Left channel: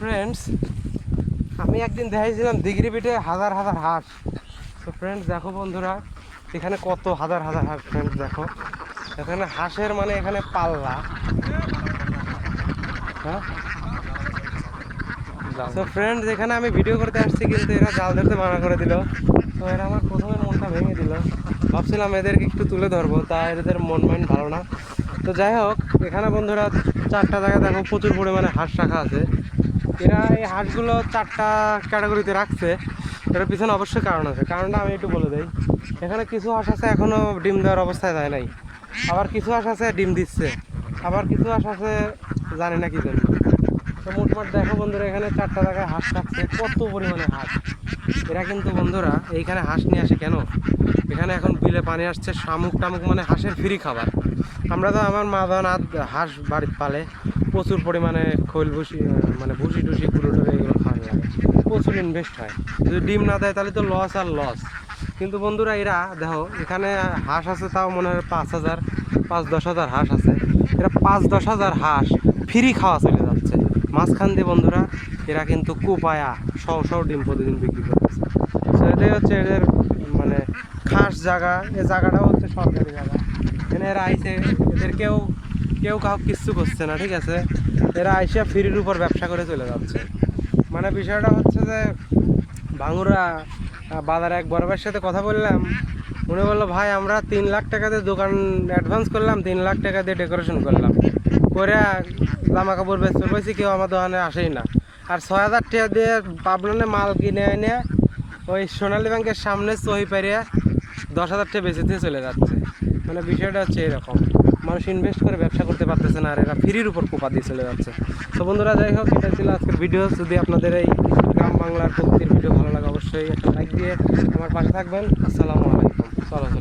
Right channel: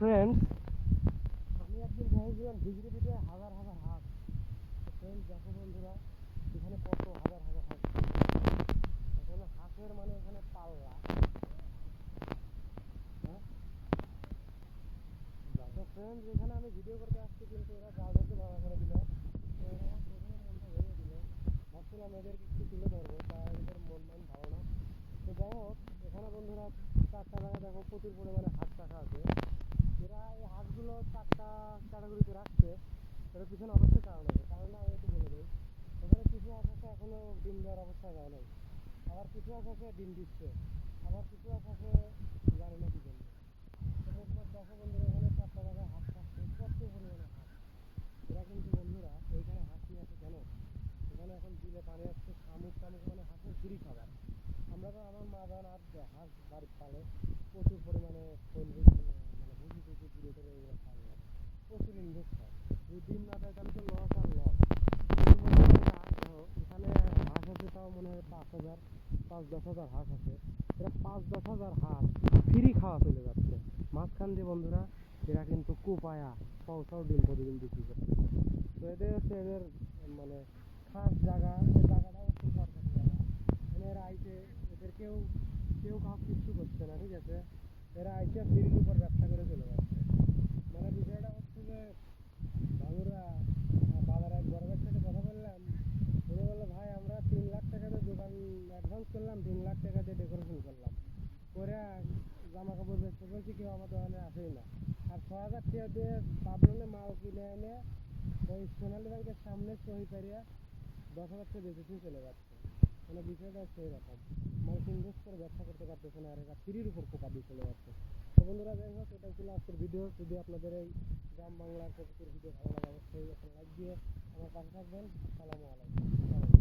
Friends আমি একদিন দেখাইছিলাম দিগরি পিঠে হাজার হাজার হাঁস। তো ফ্রেন্ডস দেখো বন্ধুরা, এখানে কত হাজার হাজার হাঁস ফ্রেন্ডস দেখো। এখানে হাঁসের মানে এখানে পাল্লা। হ্যাঁ? তো ফ্রেন্ডস এখানে আমি ভিডিও করতে আসছি, কিন্তু এরা জাল ধরতে মানা করে দিল। তো এরা আমার প্রথমে মনটা ভেঙে দিল। ভাবছিলাম এদেরকে একটু তুলে ধরবো, তা এদের মন মাইন্ড ভালো না। তো যাই হোক, এখানে বন্ধুরা, চারটা জায়গায় দেখো প্রচুর পরিমাণে হাঁস রাখা আছে। এরা এই হাঁসগুলো চারটা ক্যাটাগরিতে রাখছে। এটার পিছনে অবশ্যই কারণ আছে। কারণটা আমি একটু বলে দিই। এখানে কিছু হাঁস আছে এখনও ডিম দেওয়ার অবস্থায় যায় নাই। আবার কিছু হাঁস আছে ডিম দিচ্ছে। আবার কিছু হাঁস আছে জানি না কি জন্য তো মোটমাট দেখো বন্ধুরা, এখানে চারটা জায়গায় হাঁস রাখছে কত পরিমাণে হাঁস। এরা কিন্তু বন্ধুরা, এইখানে হাঁস নিয়ে আসে কেন? এখানে এখন বিলে পানি আসছে, শামুক টামুক মানে হাঁসের ফ্রি খাবার। আমরা তো আমার মা বাবা হাঁস বাড়িতে পালে প্রচুর পরিমাণে খৈল ভুসি মানে ভুসি টুসি, গুঁড়ো টুড়ো এগুলো খাওয়ানো লাগে প্রচুর ইনভেস্ট হয়। যদি ডিম না দেয় তাহলে তো লস আর লস কিন্তু বন্ধুরা এরা, দেখো, এখানে হাঁস আছে তাও মনে হয় পাঁচ হাজার, পাঁচ দশ হাজার হাঁস আছে। এরা পাঁচ দশ হাজার হাঁস ফ্রি খাওয়া চলে মাঝখান দিয়ে বন্ধুরা, এরা কিন্তু কুপায়া, শও শও ডিম প্রতিদিন বিক্রি করতেছে। তো এটাই হচ্ছে এদের মানে খাস জায়গা। এ জায়গাটাও হচ্ছে সরকারি জায়গা। এখানে এরা আইসে এদের কেউ কেউ কাউ কিচ্ছু করছে না, ঠিক আছে? এরা আইসা ফ্রির উপর ব্যবসা করে চলে যাচ্ছে। মানে বিষয়টা হচ্ছে যে, ভাঙুরা বাজারে এক ভাইয়ের সাথে কথা বললাম। উনি বলল, ভাই, আমরা তিন লাখ টাকা দিয়ে দোকান অ্যাডভান্স করলাম, তিন লাখ টাকা দিয়ে ডেকোরেশন করলাম। করে জামা কাপড় বেচতে পেয়েছি কেউ আমার দোকানে আসেই না। আর ছয় হাজার টাকা দিয়ে পাবনানে মাল কিনে এনে ওই সোনালী ব্যাংকের সামনে সহি পারিয়ে দশ হাজার টাকা বেঁচে দিয়ে চলে যাচ্ছে। মানে বিষয়টা হচ্ছে এরকম। মানুষ ইনভেস্ট করে ব্যবসা করতে পারতেছে না আর এরা ফ্রির উপর কোপা দিয়ে চলে যাচ্ছে। তো বন্ধুরা, যাই হোক, এটা ছিল আজকের ভিডিও যদি আপনাদের এই গ্রাম বাংলার প্রকৃতির ভিডিও ভালো লাগে, অবশ্যই একটা লাইক দিয়ে আমার পাশে থাকবেন। আসসালামু আলাইকুম। চলো।